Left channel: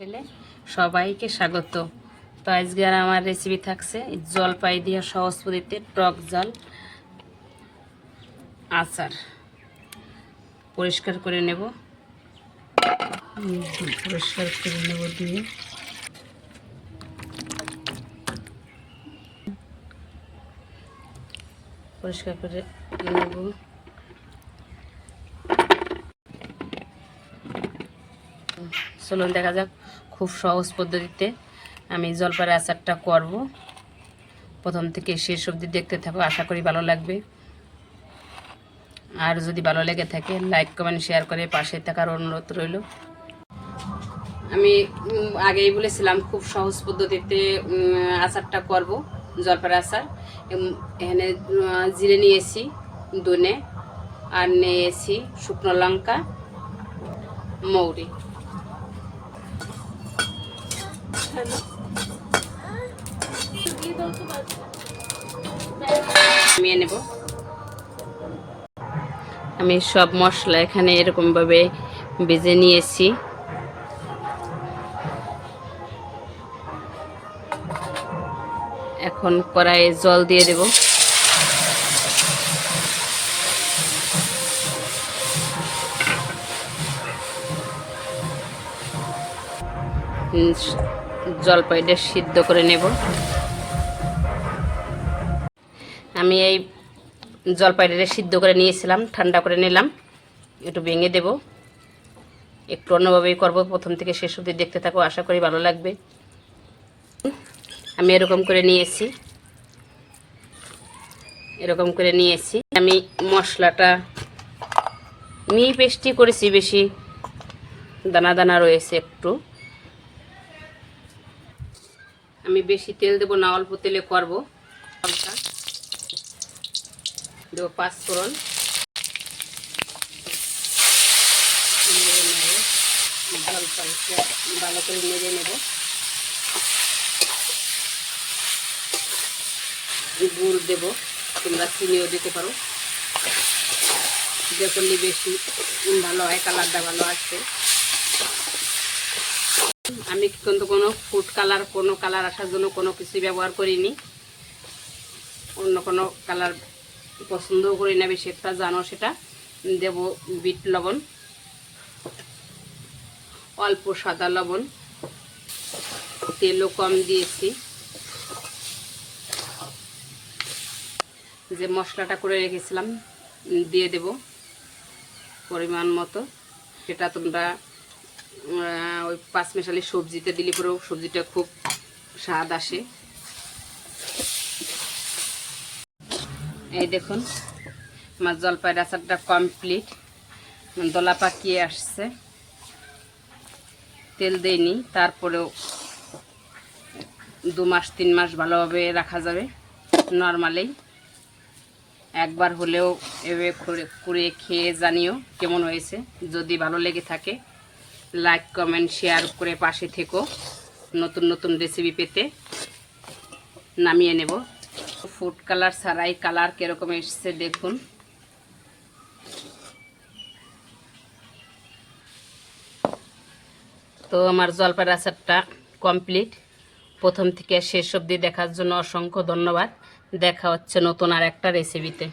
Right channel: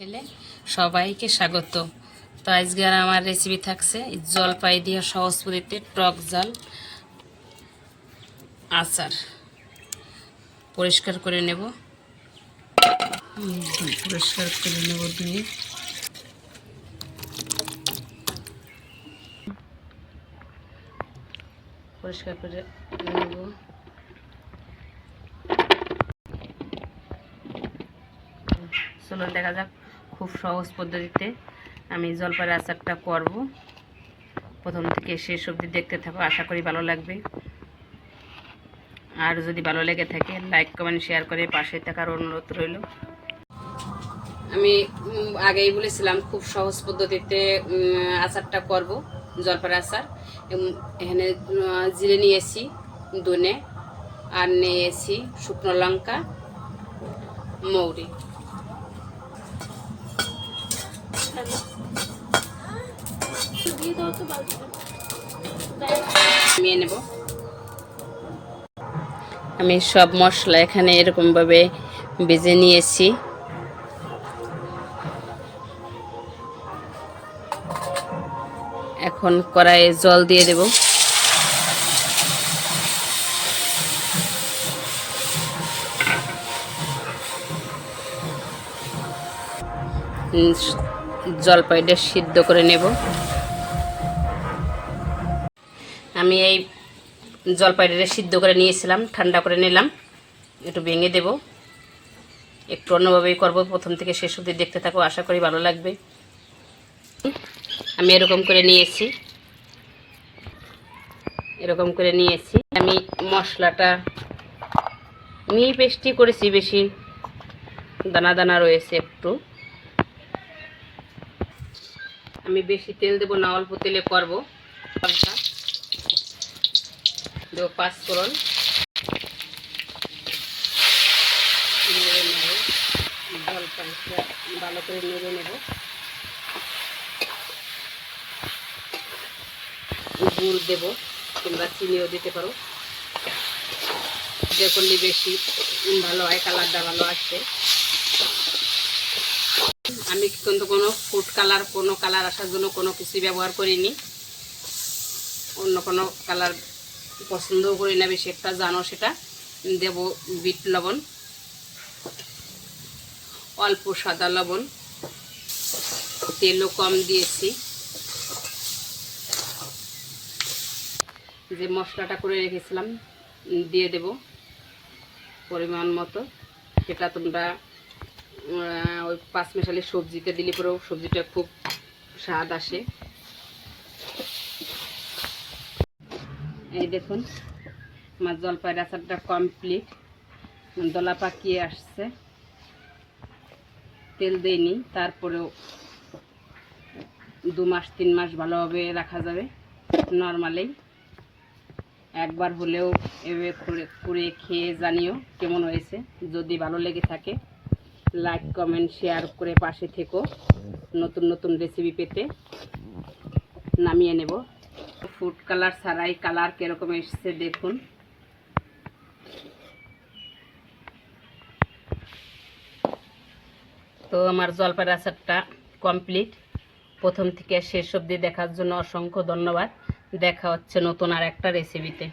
ছেলে সবাইকে স্বাগত। তো আজকে আর আমার রেসিপি থাকছে জলপাই দিয়ে সহজ পদ্ধতিতে টক ঝাল আচার। পরিষ্কার করে নেব, ধুয়ে পরিষ্কার করে নেব। চলুন দেখা যাক খুব সহজ পদ্ধতিতে আমি জলপাইয়ের আচারটা করব। প্রথম থেকে শেষ অবধি দেখতে থাকো, আশা করি ভালো লাগবে। আর যদি ভালো লেগে থাকে লাইক কমেন্ট শেয়ার করে পাশে থাকার অনুরোধ রইল। আমি আগেই বলেছিলাম খুব সহজ পদ্ধতিতে আচারটা করব, জলপাইয়ের আচার। এখানে জিরে নিয়েছি, ধনে, আর নিয়েছি শুকনো লঙ্কা, মৌরি। নামিয়ে নেব। আমি সব মশলা এখানে এরকম ভাবে ভেজে নিয়েছি। এখন কড়াইয়ে জল দিয়ে দেব। জলপাইটা সিদ্ধ করে নেব। আমি এই জলপাইটা সিদ্ধ করে নিয়েছিলাম, ঠান্ডা করে নিলাম। একটু ভেঙে দেব। একটু অন্যভাবেই করব, প্রথম থেকে শেষ অবধি দেখতে থাকো, আশা করি ভালো লাগবে। আমি এরকম করে নিয়েছি। আমি মশলাটা মিহি পেস্টই করেছি, বেশি দানা দানা রয়েছে একটু। আমি বেশি তেল দেব না, অল্প তেলে করব। দেব পাঁচফোড়ন, ভালো করে নেড়ে নেব। গুড় দেব, কিংবা চিনিও দিতে পারো, যে করলে বেশি ভালো হয়, কালারটা ভালো আসবে। আমি কিন্তু কোনো ফুড কালার, কোনো কালার আসার জন্য কোনো কিছু ব্যবহার করিনি। অন্য কোনো কালার পছন্দও করি না বেশি একটা, জানো সেটা। দেব বিট লবণ, অল্প সাদা লবণ, তেলও কম দিয়েছি। যে মশলাটা করে রেখেছিলাম দিয়ে দেব পরিমাণ মতো। সেটা তোমরা ওই পাঁচমেশালি সবজিতে দিলে পরেও সবজিটা খুব স্বাদ আসে। এই দেখুন আমার জলপাইয়ের আচারটা কমপ্লিট, দলা পাকিয়ে আসছে। তেল দেইনি, তারপরেও 2 মাস 3 মাস ভালোভাবে রাখা যাবে নর্মালি। একবার হলেও এভাবে করে খেয়ে জানিও কেমন হয়েছে। যদি ভালো লেগে থাকে লাইক কমেন্ট শেয়ার করে পাশে থেকো। নতুন নতুন রেসিপি পেতে নামিয়ে নেব। ফুড কালার ছাড়াই কালার কীরকম এসছে দেখুন। তো আমার জলপাইয়ের আচারটা কমপ্লিট। প্রথম থেকে শেষ অবধি দেখার জন্য অসংখ্য ধন্যবাদ। দেখা হচ্ছে নতুন আর একটা রেসিপিতে।